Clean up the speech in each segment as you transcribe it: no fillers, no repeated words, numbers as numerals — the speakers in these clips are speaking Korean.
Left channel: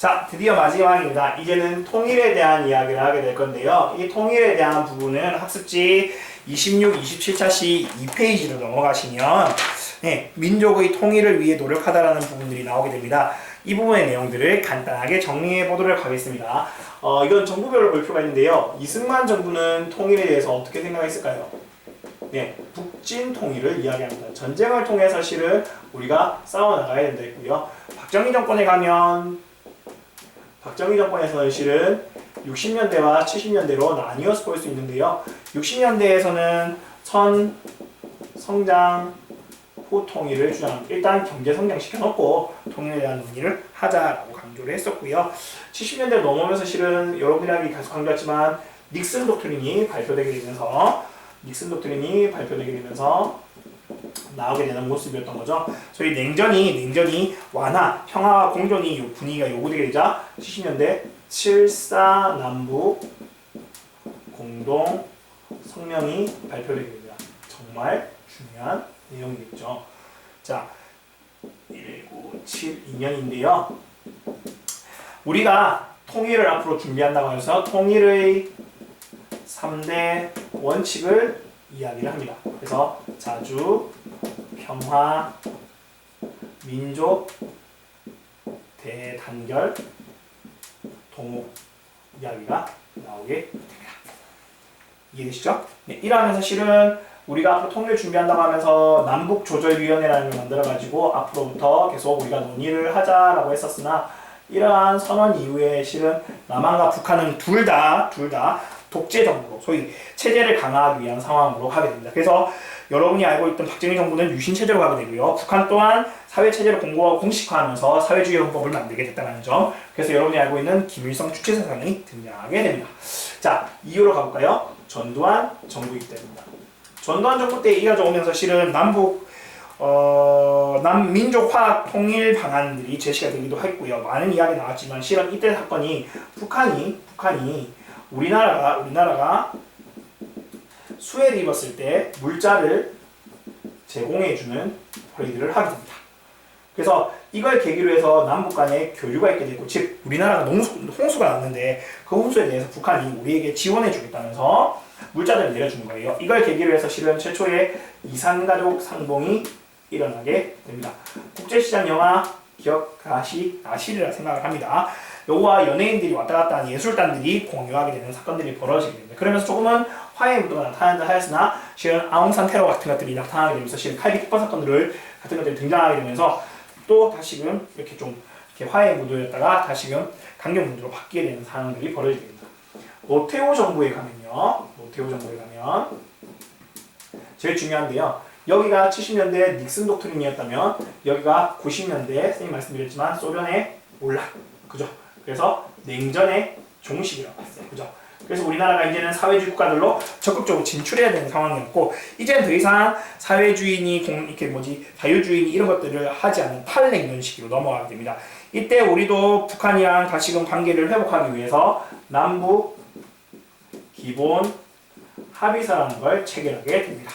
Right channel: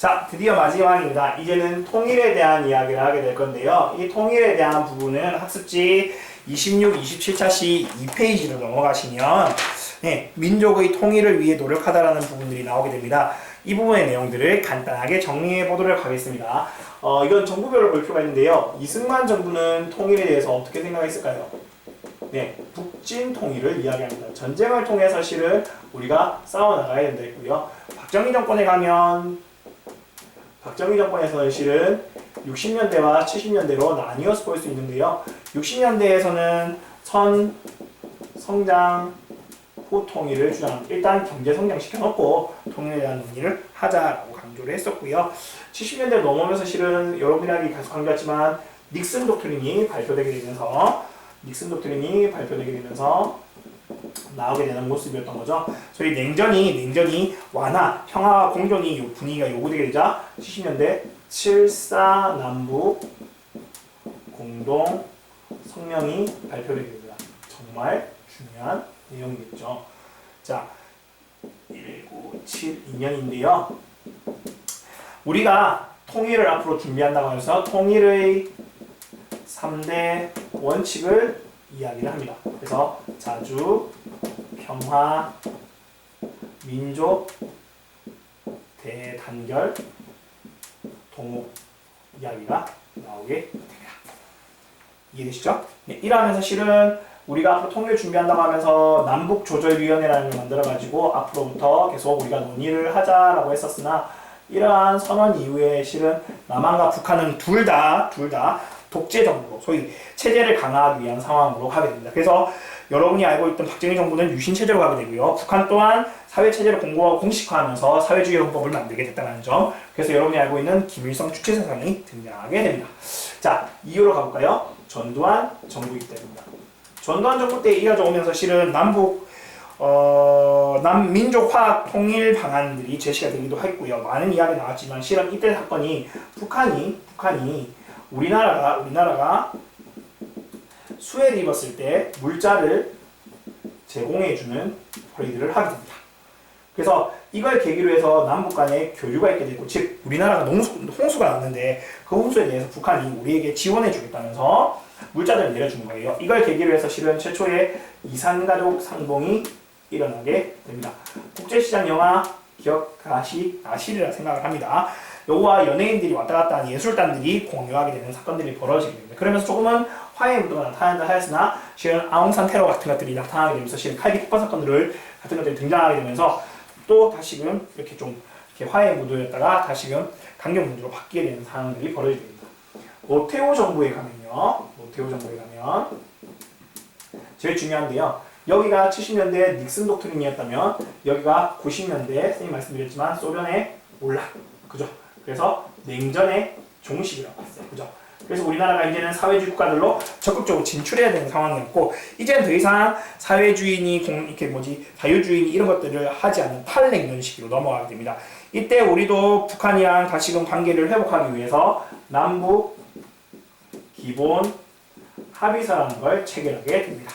자, 드디어 마지막입니다. 이제는 통일에 대한 이야기를 하게 될 건데요. 이 통일에 대한 부분은 학습지 26, 27차시 2페이지로 넘어가시면 민족의 통일을 위해 노력하다라는 부분들이 나오게 됩니다. 이 부분의 내용들을 간단하게 정리해 보도록 하겠습니다. 이건 정부별로 볼 필요가 있는데요. 이승만 정부는 통일에 대해서 어떻게 생각했을까요? 북진 통일을 이야기합니다. 전쟁을 통해서 실은 우리가 싸워나가야 된다 했고요. 박정희 정권에 가면 박정희 정권에서는 실은 60년대와 70년대로 나뉘어서 볼 수 있는데요. 60년대에서는 성장 후 통일을 주장합니다. 일단 경제 성장시켜놓고 통일에 대한 논의를 하자라고 강조를 했었고요. 70년대 넘어오면서 실은 여러분들이 계속 강조했지만 닉슨 독트린이 발표되게 되면서 나오게 되는 모습이었던 거죠. 소위 냉전이 완화, 평화와 공존이 분위기가 요구되게 되자 70년대 7.4 남북 공동 성명이 발표되게 됩니다. 정말 중요한 내용이겠죠. 자, 1972년인데요. 우리가 통일을 앞으로 준비한다고 해서 통일의 3대 원칙을 이야기를 합니다. 그래서 자주, 평화, 민족, 대단결, 동목 이야기가 나오게 됩니다. 이해되시죠? 이러면서 실은 우리가 앞으로 통일을 준비한다고 하면서 남북조절위원회라는 걸 만들어가지고 앞으로부터 계속 우리가 논의를 하자라고 했었으나 이러한 선언 이후에 실은 남한과 북한은 둘 다 독재 정부로 소위 체제를 강화하기 위한 상황으로 가게 됩니다. 그래서 여러분이 알고 있던 박정희 정부는 유신 체제로 가게 되고요. 북한 또한 사회 체제를 공식화하면서 사회주의 헌법을 만들게 됐다는 점. 그래서 여러분이 알고 있는 김일성 주체 사상이 등장하게 됩니다. 자, 이유로 가볼까요? 전두환 정부이기 때입니다. 전두환 정부 때 이어져 오면서 실은 남민족화학 통일 방안들이 제시가 되기도 했고요. 많은 이야기 나왔지만 실은 이때 사건이 북한이 우리나라가 수해를 입었을 때 물자를 제공해주는 허리들을 하게 됩니다. 그래서 이걸 계기로 해서 남북 간에 교류가 있게 되고, 즉 우리나라가 홍수가 났는데 그 홍수에 대해서 북한이 우리에게 지원해주겠다면서 물자들을 내려주는 거예요. 이걸 계기로 해서 실은 최초의 이산가족 상봉이 일어나게 됩니다. 국제시장 영화 기억하시리라 생각을 합니다. 요거와 연예인들이 왔다 갔다 하는 예술단들이 공유하게 되는 사건들이 벌어지게 됩니다. 그러면서 조금은 화해의 무드가 나타난다 하였으나 실은 아웅산 테러 같은 것들이 나타나게 되면서 실은 칼비 폭파 사건들 같은 것들이 등장하게 되면서 또 다시금 이렇게 좀 이렇게 화해의 무드였다가 다시금 강경 무드로 바뀌게 되는 상황들이 벌어지게 됩니다. 노태우 정부에 가면 제일 중요한데요. 여기가 70년대 닉슨 독트린이었다면 여기가 90년대 선생님 말씀드렸지만 소련의 몰락, 그죠? 그래서 냉전의 종식이라고 했어요, 그죠? 그래서 우리나라가 이제는 사회주의 국가들로 적극적으로 진출해야 되는 상황이었고, 이제는 더 이상 사회주의니 자유주의니 이런 것들을 하지 않는 탈냉전 시기로 넘어가게 됩니다. 이때 우리도 북한이랑 다시금 관계를 회복하기 위해서 남북 기본 합의서라는 걸 체결하게 됩니다.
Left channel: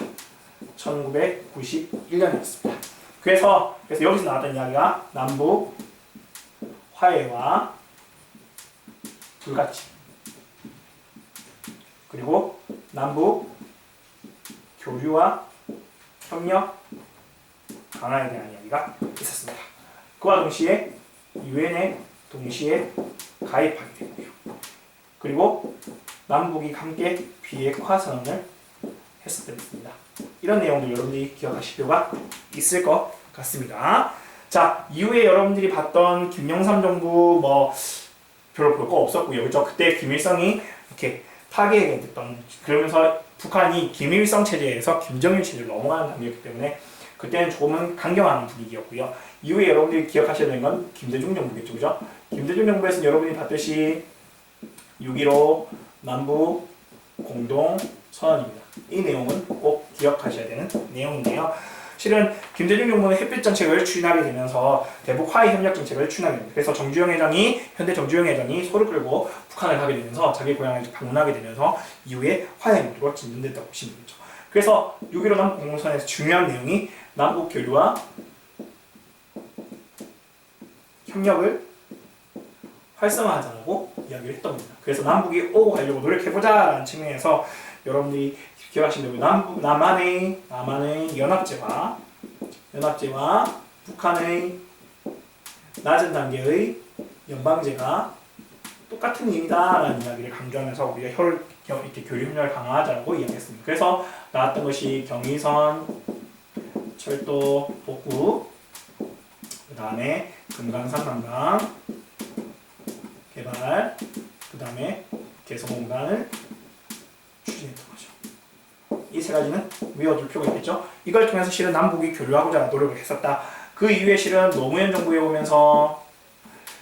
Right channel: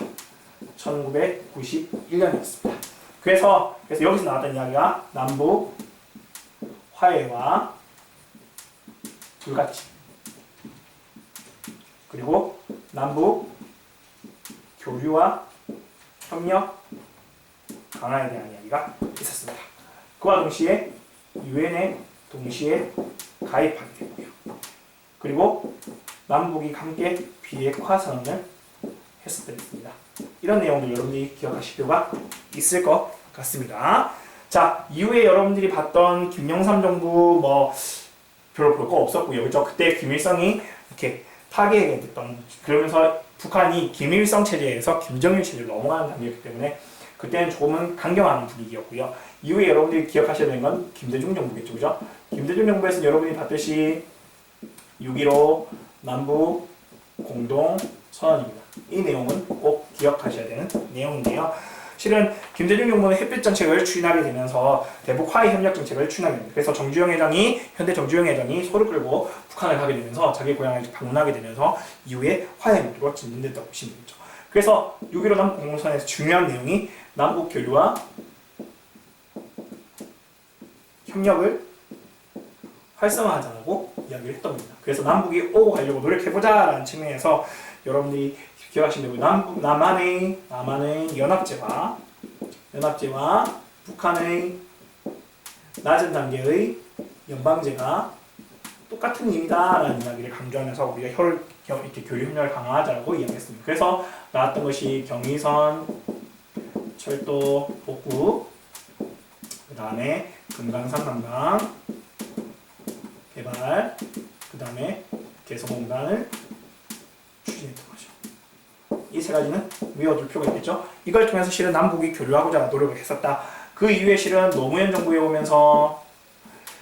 1991년이었습니다. 그래서 여기서 나왔던 이야기가 남북 화해와 불같이, 그리고 남북 교류와 협력 강화에 대한 이야기가 있었습니다. 그와 동시에 유엔에 동시에 가입하게 되고요. 그리고 남북이 함께 비핵화 선언을 했었습니다. 이런 내용들 여러분들이 기억하실 필요가 있을 것 같습니다. 자, 이후에 여러분들이 봤던 김영삼 정부 별로 볼 거 없었고요. 그렇죠? 그때 김일성이 이렇게 파괴됐던, 그러면서 북한이 김일성 체제에서 김정일 체제로 넘어가는 단계였기 때문에 그때는 조금은 강경한 분위기였고요. 이후에 여러분들이 기억하셔야 되는 건 김대중 정부겠죠. 그죠? 김대중 정부에서는 여러분이 봤듯이 6.15 남북 공동 선언입니다. 이 내용은 꼭 기억하셔야 되는 내용인데요. 실은 김대중 정부는 햇빛 정책을 추진하게 되면서 대북 화해 협력 정책을 추진하게 됩니다. 그래서 현대 정주영 회장이 소를 끌고 북한을 가게 되면서 자기 고향을 방문하게 되면서 이후에 화해 문제로 진전됐다고 보시면 되겠죠. 그래서 6.15 남북 공동선언에서 중요한 내용이 남북 교류와 협력을 활성화하자고 이야기를 했던 겁니다. 그래서 남북이 오고 가려고 노력해보자라는 측면에서 여러분들이 기억하시면 되고 남한의 연합제와 북한의 낮은 단계의 연방제가 똑같은 의미다라는 이야기를 강조하면서 우리가 이렇게 교류 협력을 강화하자고 이야기했습니다. 그래서 나왔던 것이 경의선, 철도 복구, 그 다음에 금강산 관광 개발, 그 다음에 개성공단을 추진했던 거죠. 이 세 가지는 외워둘 필요가 있겠죠. 이걸 통해서 실은 남북이 교류하고자 노력을 했었다. 그 이후에 실은 노무현 정부에 오면서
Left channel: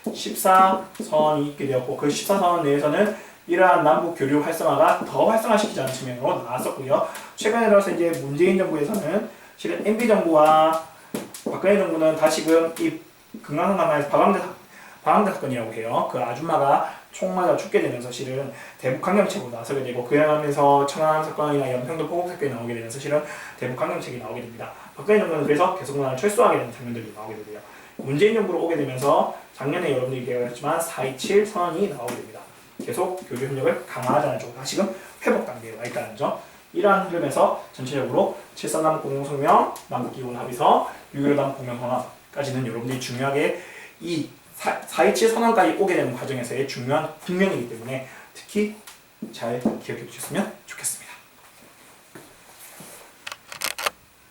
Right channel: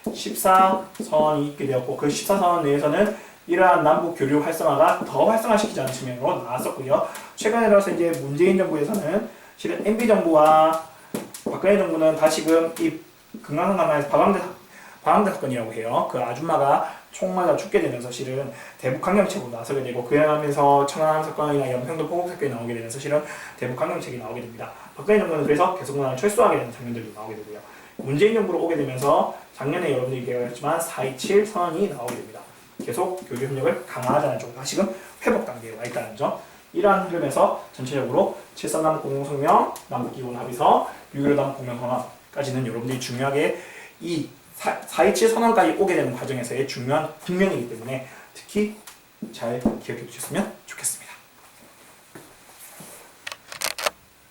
14선이 있게 되었고 그 14선 내에서는 이러한 남북 교류 활성화가 더 활성화시키자는 측면으로 나왔었고요. 최근에 들어서 이제 문재인 정부에서는 실은 MB 정부와 박근혜 정부는 다시금 이 금강산 관광에서 방황대 사건이라고 해요. 그 아줌마가 총 맞아 죽게 되면서 실은 대북 강경책으로 나서게 되고 그러면서 천안함 사건이나 연평도 포국 사건이 나오게 되면서 실은 대북 강경책이 나오게 됩니다. 박근혜 정부는 그래서 개성공단을 철수하게 되는 장면들이 나오게 되고요. 문재인 정부로 오게 되면서 작년에 여러분들이 얘기했지만 4.27 선언이 나오게 됩니다. 계속 교류 협력을 강화하자는 쪽으로 다시금 회복 단계에 와 있다는 점. 이러한 흐름에서 전체적으로 7.3 공동성명, 남북기본 합의서, 6.15 남북공명선언까지는 여러분들이 중요하게 이 4.27 선언까지 오게 되는 과정에서의 중요한 국면이기 때문에 특히 잘 기억해 주셨으면 좋겠습니다.